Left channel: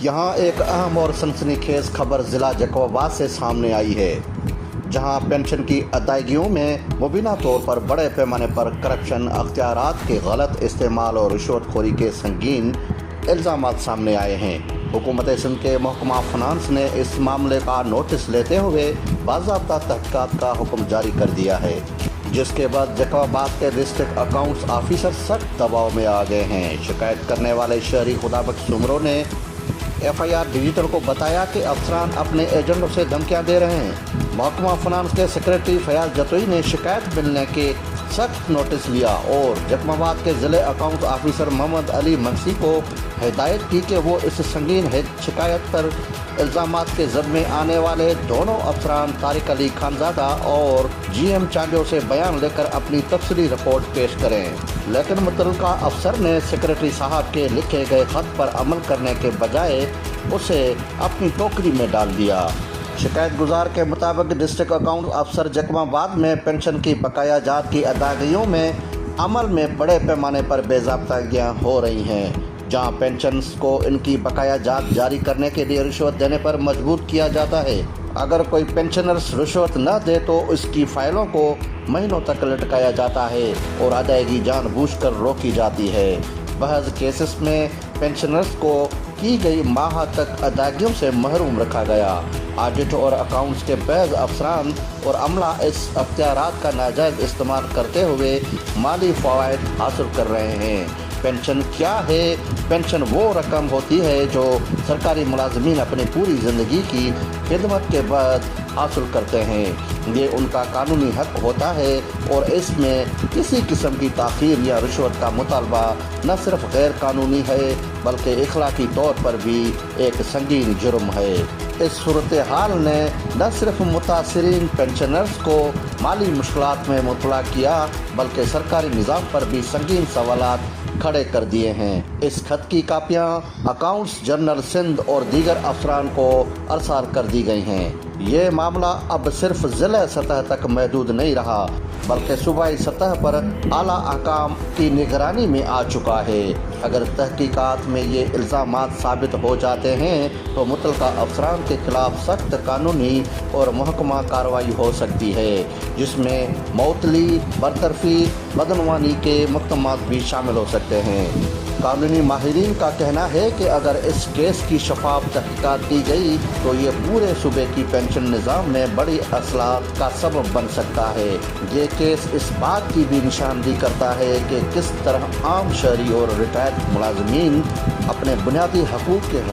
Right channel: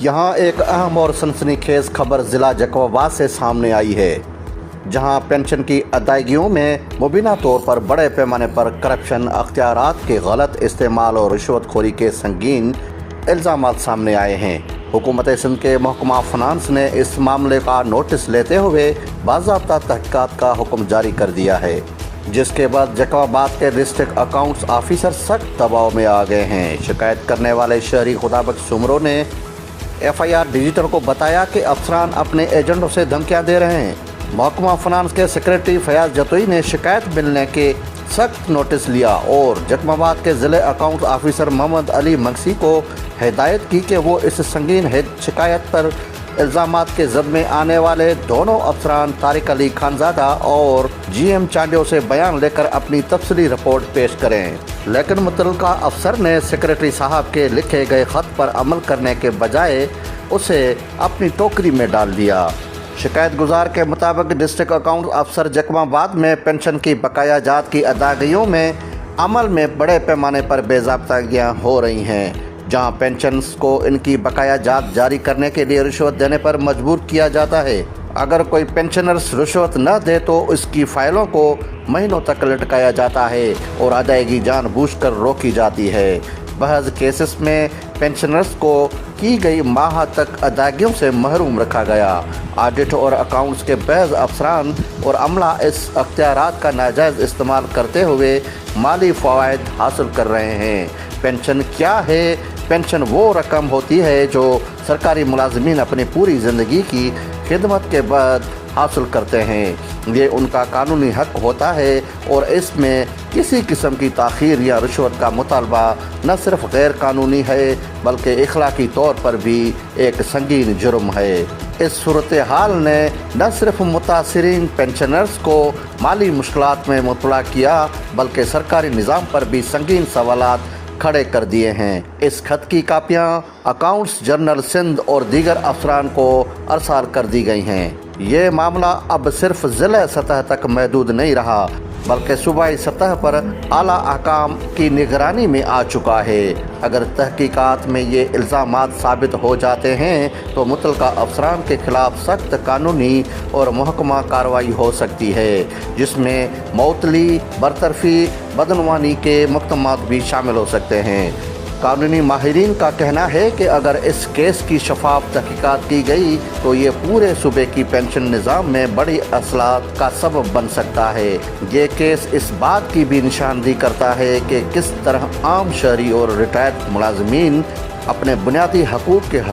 یہاں ایک اہم اور سنسنیخیز خبر ضلع جیکب آباد سے سامنے آئی ہے، جہاں پینشن کی ادائیگیوں میں مبینہ طور پر بڑے پیمانے پر کرپشن، اختیارات کے غلط استعمال اور رشوت خوری کے سنگین الزامات سامنے آئے ہیں۔ حکومت سندھ کے محکمہ فنانس نے اس معاملے کا نوٹس لیتے ہوئے باضابطہ تحقیقات کا حکم جاری کر دیا ہے، جس کے بعد جیکب آباد کے ڈسٹرکٹ اکاؤنٹس آفیسر سخت دباؤ میں آ گئے ہیں۔ شکایت کرنے والے شہری خدابخش سمرو نے FIR ڈیجیٹل کو بتایا کہ افسران اپنے ایجنٹوں سے دھمکیاں دے رہے ہیں۔ محکمہ فنانس کے سیکریٹری فیاض جتوئی نے شکایت ملنے کے سخت نوٹس لیا اور جیکب آباد کے ضلع اکاؤنٹس آفیسر محمد علی مگسی کو ہدایت کی کہ وہ اس سنگین شکایت پر الزامات کے ضد میں آنے والے دونوں افسران طارق علی خانزادہ اور GM چانڈیو سے بیان لے کر اپنی تفصیلی رپورٹ پیش کریں، لیکن متعلقہ افسر نے سیکریٹری صاحب کے لکھے گئے خط پر عمل کرنے کے بجائے اسے اپنی ٹوکری میں ڈال دیا۔ شکایت گزار کے مطابق ڈسٹرکٹ اکاؤنٹ افسر جیکب آباد میں پینشن کی بقایا جات کی ادائیگیوں میں عمل میں بڑے پیمانے پر بے ضابطگیاں ہو رہی ہیں، جہاں پینشنز کو ان کی بقایا جات جاری کرنے کے لیے رشوت دینے پر مجبور کیا جاتا ہے۔ اگر کوئی پینشنرز رشوت نہ دے تو اس کی فائلوں کو مہینوں تک لٹکایا جاتا ہے اور ادائیگی جان بوجھ کر روکی جاتی ہے۔ بعض کیسز میں پینشنرز کو کی گئی ماہ تک ادائیگیوں سے محروم رکھا گیا۔ آڈٹ اور اکاؤنٹس کے بعض افسران اور عملہ اس اختیارات کا ناجائز استعمال کرتے ہوئے مالی فوائد حاصل کر رہے ہیں۔ پینشن کیا ہے؟ پینشن وہ رقم ہوتی ہے جو سرکاری ملازمین اپنی پوری زندگی کی خدمت کے بعد حاصل کرتے ہیں۔ یہ ان کا قانونی حق ہوتا ہے اور اس میں کسی قسم کی تاخیر یا رشوت کا مطالبہ نہ صرف غیر قانونی ہے بلکہ اخلاقی طور پر بھی ایک سنگین جرم ہے۔ اس صورتحال نے نہ صرف متاثرین پینشنرز کو مالی مشکلات میں مبتلا کیا بلکہ سرکاری نظام پر بھی سنگین سوالات کھڑے کر دیے ہیں۔ اس خط کی کاپیاں اکاؤنٹس جنرل سندھ اور دیگر افسران کو ارسال کر دی گئی ہیں۔ یہ معاملہ اب صرف ضلع سطح تک محدود نہیں رہا بلکہ صوبائی سطح پر اعلیٰ حکام کی نگرانی میں آ چکا ہے۔ اگر تحقیقات میں یہ الزامات ثابت ہو جاتے ہیں تو متعلقہ افسران کے خلاف سخت قانونی اور محکمہ کارروائی ہو سکتی ہے، جس میں معطلی، برطرفی، بدعنوانی کے مقدمات بھی شامل ہو سکتے ہیں۔ قانونی ماہرین کا کہنا ہے کہ اگر اس کیس کی شفاف تحقیقات کی گئی تو یہ پورے صوبے کی پینشن نظام میں بڑی اصلاحات کا سبب بن سکتا ہے۔ یہ کیس اس بات کی بھی نشاندہی کرتا ہے کہ کس طرح عام شہری اور ریٹائرڈ ملازمین اپنے بنیادی حقوق کے